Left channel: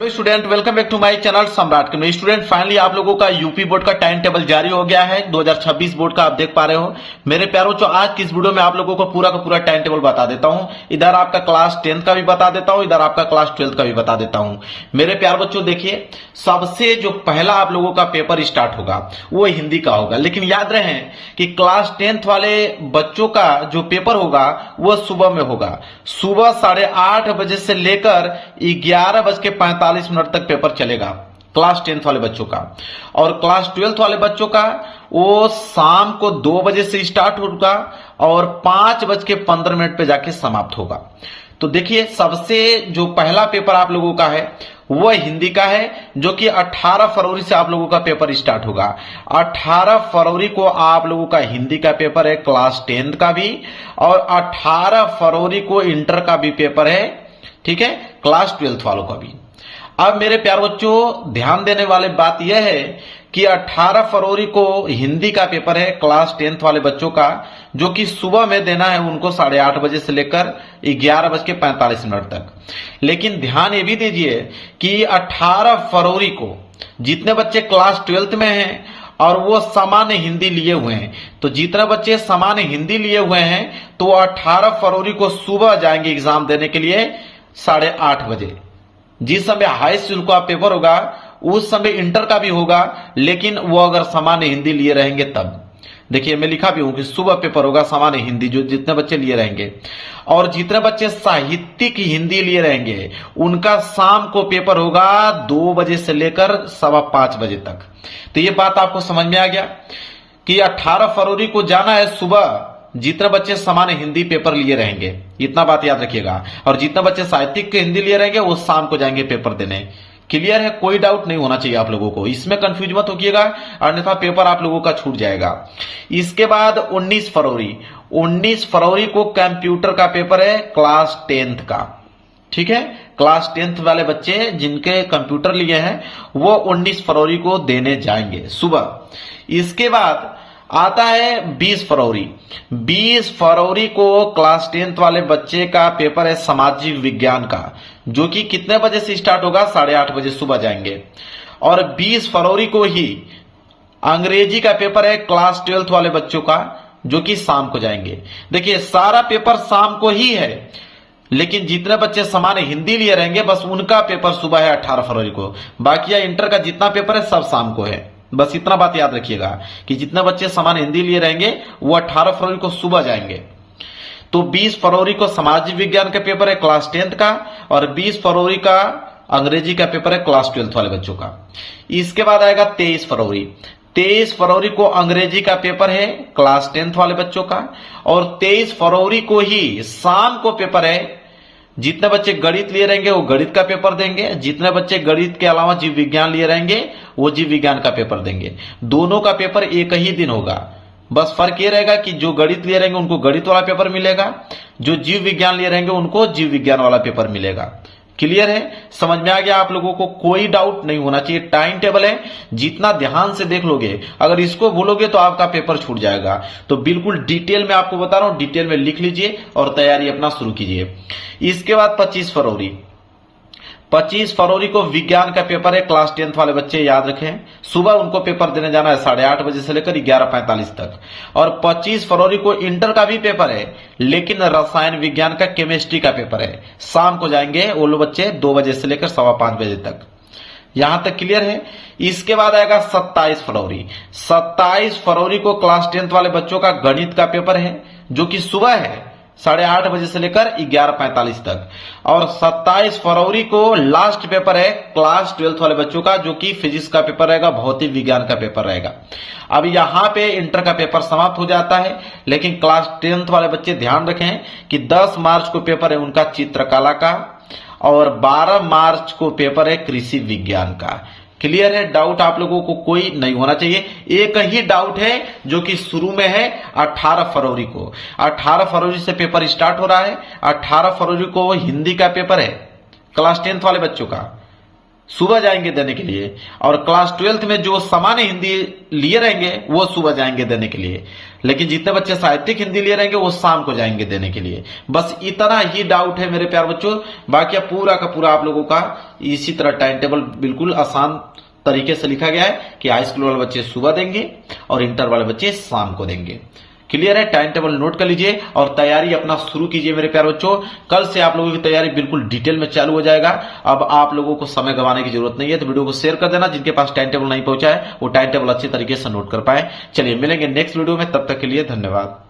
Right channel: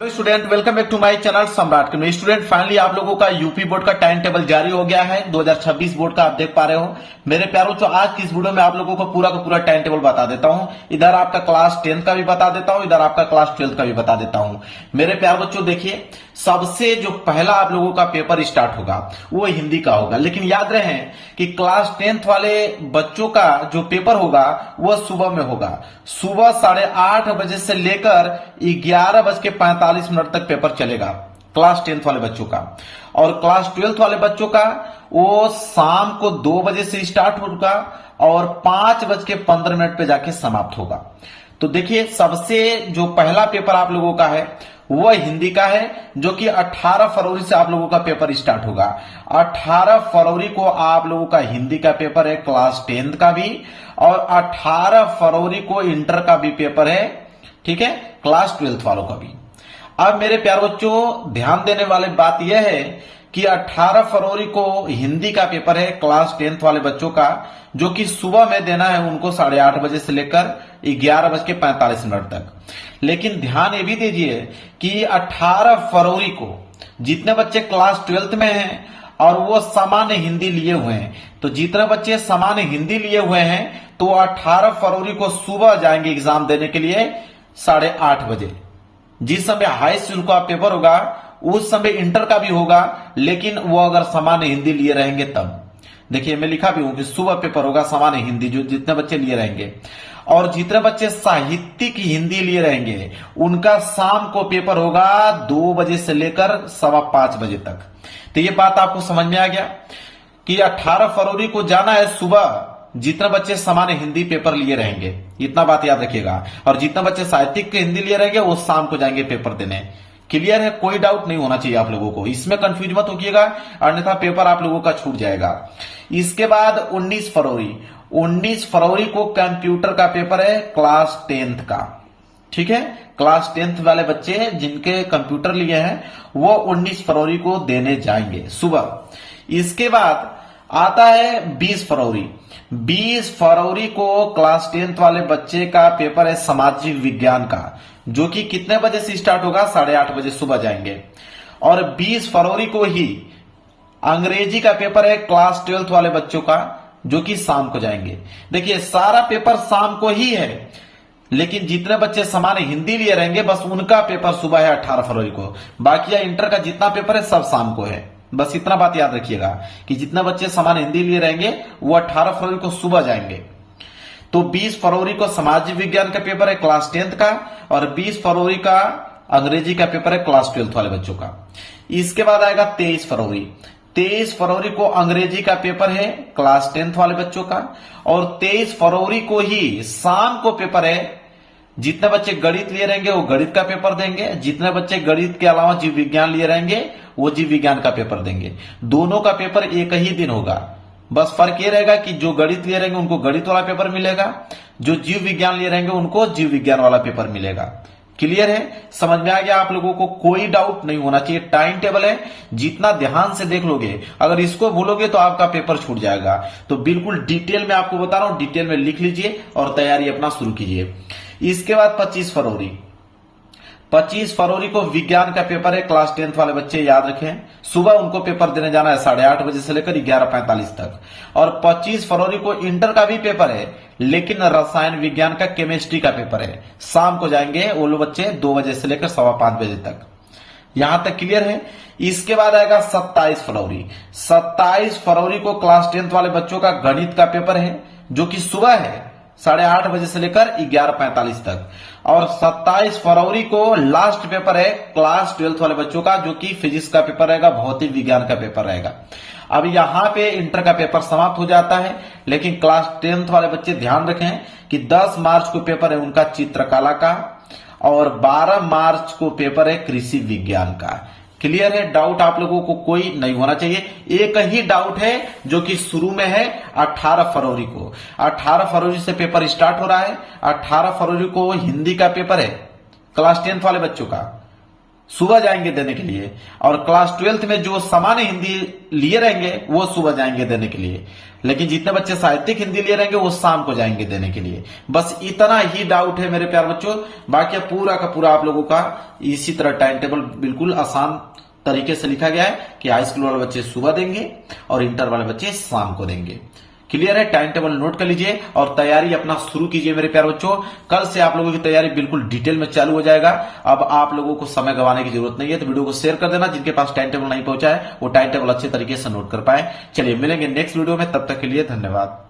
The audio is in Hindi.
Student welcome back to my channel Samrat के स्टूडेंट फाइनली आप लोगों का यूपी बोर्ड का टाइम टेबल जारी हो गया है 2026 बोर्ड का। आप देख पा रहे हो मेरे प्यारों, जो आज की इस वीडियो में आप लोगों को पूरा का पूरा टाइम टेबल बता देता हूं। इधर आपका क्लास 10th का भी बता देता हूं, इधर आपका क्लास 12th का भी बता देता हूं। मेरे प्यार बच्चों देखिए, सबसे जो पहला आप लोगों का पेपर स्टार्ट होगा वो हिंदी का होगा, लेकिन याद रहे कि क्लास 10th वाले बच्चों का जो पेपर होगा वो सुबह में होगा। सुबह 8:30 बजे से लेकर 11:45 तक पेपर चलेगा क्लास 10th वाले बच्चों का। और क्लास 12th वाले बच्चों का वो शाम को 2 बजे से स्टार्ट होगा और 5:15 पे जाके समाप्त होगा। तो देखिए, सबसे जो पहला पेपर आप लोगों का है वह हिंदी का है, जो कि 18 फरवरी से आप लोगों का पेपर स्टार्ट होगा। 18 फरवरी को आप लोगों का हिंदी का पेपर है क्लास 10th का भी, और 18 फरवरी को इंटर का भी पेपर है, ठीक है, क्लास 12th वालों का भी। अब मेरे प्यार बच्चों, ध्यान देने वाली बात यह है कि 18 फरवरी को हिंदी का पेपर है क्लास 10th वाले बच्चों का, जो कि सुबह में देना है उनको 8:30 बजे से लेकर 11:45 तक। लेकिन ध्यान ये भी दीजिए कि 18 फरवरी को जितने बच्चे क्लास 12th में हैं और वो सामान्य हिंदी लिए हुए हैं, तो जितने बच्चे सामान्य हिंदी लिए हुए हैं तो 18 फरवरी को सुबह जाएंगे एग्जाम देने के लिए 8:30 बजे। जिस समय हाई स्कूल का पेपर होगा उस समय इंटर का भी होगा, लेकिन वो अगर सामान्य हिंदी लिए रहेंगे तब। देखिए, मैं लिखा भी हूं कि सुबह पेपर होगा सामान्य हिंदी, जो जितने बच्चे लिए रहेंगे। और जितने बच्चे साहित्यिक हिंदी लिए रहेंगे उनका शाम को पेपर होगा 2 बजे से लेकर 5:15 बजे तक। तो ये बात आपको समझ में आ गया कि 18 फरवरी को जाना है सुबह जितने बच्चे सामान्य हिंदी पेपर लिए रहेंगे, इतना बात याद रखिएगा। और जितने बच्चे साहित्यिक हिंदी लिए रहेंगे वो शाम को जाएंगे पेपर देने। क्लियर है? कोई डाउट नहीं होना चाहिए आप लोगों को, इसमें कंफ्यूज मत होइएगा, अन्यथा पेपर आप लोगों का छूट जाएगा। इसके बाद 19 फरवरी को कंप्यूटर का पेपर है क्लास 10th का, ठीक है। क्लास 10th वाले बच्चे जिनके कंप्यूटर लिए हैं वो 19 फरवरी को देने जाएंगे सुबह। इसके बाद आता है 20 फरवरी। 20 फरवरी को क्लास 10th वाले बच्चे का पेपर है सामाजिक विज्ञान का, जो कि कितने बजे से स्टार्ट होगा? 8:30 बजे सुबह जाएंगे। और 20 फरवरी को ही अंग्रेजी का पेपर है क्लास 12th वाले बच्चों का, जो कि शाम को जाएंगे। देखिए, सारा पेपर शाम को ही है, लेकिन जितने बच्चे सामान्य हिंदी लिए रहेंगे बस उनका पेपर सुबह है 18 फरवरी को। बाकी इंटर का जितना पेपर है सब शाम को है। बस इतना बात याद रखिएगा कि जितने बच्चे सामान्य हिंदी लिए रहेंगे वो 18 फरवरी को सुबह जाएंगे। तो 20 फरवरी को सामाजिक विज्ञान का पेपर है क्लास 10th का, और 20 फरवरी का अंग्रेजी का पेपर है क्लास 12th वाले बच्चों का। इसके बाद आएगा 23 फरवरी। 23 फरवरी को अंग्रेजी का पेपर है क्लास 10th वाले बच्चों का, और 23 फरवरी को ही शाम को पेपर है। जितने बच्चे गणित लिए रहेंगे वो गणित का पेपर देंगे, जितने बच्चे गणित के अलावा जीव विज्ञान लिए रहेंगे वो जीव विज्ञान का पेपर देंगे। दोनों का पेपर एक ही दिन होगा, बस फर्क ये रहेगा कि जो गणित लिए रहेंगे उनको गणित वाला पेपर मिलेगा, जो जीव विज्ञान लिए रहेंगे उनको जीव विज्ञान वाला पेपर मिलेगा। क्लियर है? समझ में आ गया आप लोगों को? कोई डाउट नहीं होना चाहिए। टाइम टेबल है, जितना ध्यान से देख लोगे, अगर इसको भूलोगे तो आपका पेपर छूट जाएगा। तो बिल्कुल डिटेल में आपको बता रहा हूं, डिटेल में लिख लीजिए और तैयारी अपना शुरू कीजिए। इसके बाद 25 फरवरी को विज्ञान का पेपर है क्लास 10th वाले बच्चे, याद रखें। सुबह उनको पेपर देने जाना है 8:30 बजे से लेकर 11:45 तक। और 25 फरवरी को इंटर का भी पेपर है, लेकिन रसायन विज्ञान का केमिस्ट्री का पेपर है। शाम को जाएंगे वो लोग बच्चे 2 बजे से लेकर 5:15 बजे तक। यहां तक क्लियर है? इसके बाद आएगा 27 फरवरी। 27 फरवरी को क्लास 10th वाले बच्चों का गणित का पेपर है, जो कि सुबह है 8:30 बजे से लेकर 11:45 तक। और 27 फरवरी को लास्ट पेपर है क्लास 12th वाले बच्चों का, जो कि फिजिक्स का पेपर रहेगा, भौतिक विज्ञान का पेपर रहेगा। अब यहां पे इंटर का पेपर समाप्त हो जाता है, लेकिन क्लास 10th वाले बच्चे ध्यान रखें कि 10 मार्च को पेपर है उनका चित्रकला का, और 12 मार्च को पेपर है कृषि विज्ञान का। क्लियर है? डाउट आप लोगों को कोई नहीं होना चाहिए। एक ही डाउट है जो कि शुरू में है 18 फरवरी को। 18 फरवरी से पेपर स्टार्ट हो रहा है। 18 फरवरी को हिंदी का पेपर है क्लास 10th वाले बच्चों का, सुबह जाएंगे देने के लिए। और क्लास 12th में जो सामान्य हिंदी लिए रहेंगे वो सुबह जाएंगे देने के लिए। लेकिन जितने बच्चे साहित्यिक हिंदी लिए रहेंगे वो शाम को जाएंगे देने के लिए। बस इतना ही डाउट है मेरे प्यार बच्चों, बाकी पूरा का पूरा आप लोगों का इसी तरह टाइम टेबल बिल्कुल आसान तरीके से लिखा गया है कि हाई स्कूल वाले बच्चे सुबह देंगे और इंटर वाले बच्चे शाम को देंगे। क्लियर है? टाइम टेबल नोट कर लीजिए और तैयारी अपना शुरू कीजिए मेरे प्यारे बच्चों। कल से आप लोगों की तैयारी बिल्कुल डिटेल में चालू हो जाएगा। अब आप लोगों को समय गंवाने की जरूरत नहीं है, तो वीडियो को शेयर कर देना। जिनके पास टाइम टेबल नहीं पहुंचा है वो टाइम टेबल अच्छे तरीके से नोट कर पाए। चलिए मिलेंगे नेक्स्ट वीडियो में, तब तक के लिए धन्यवाद।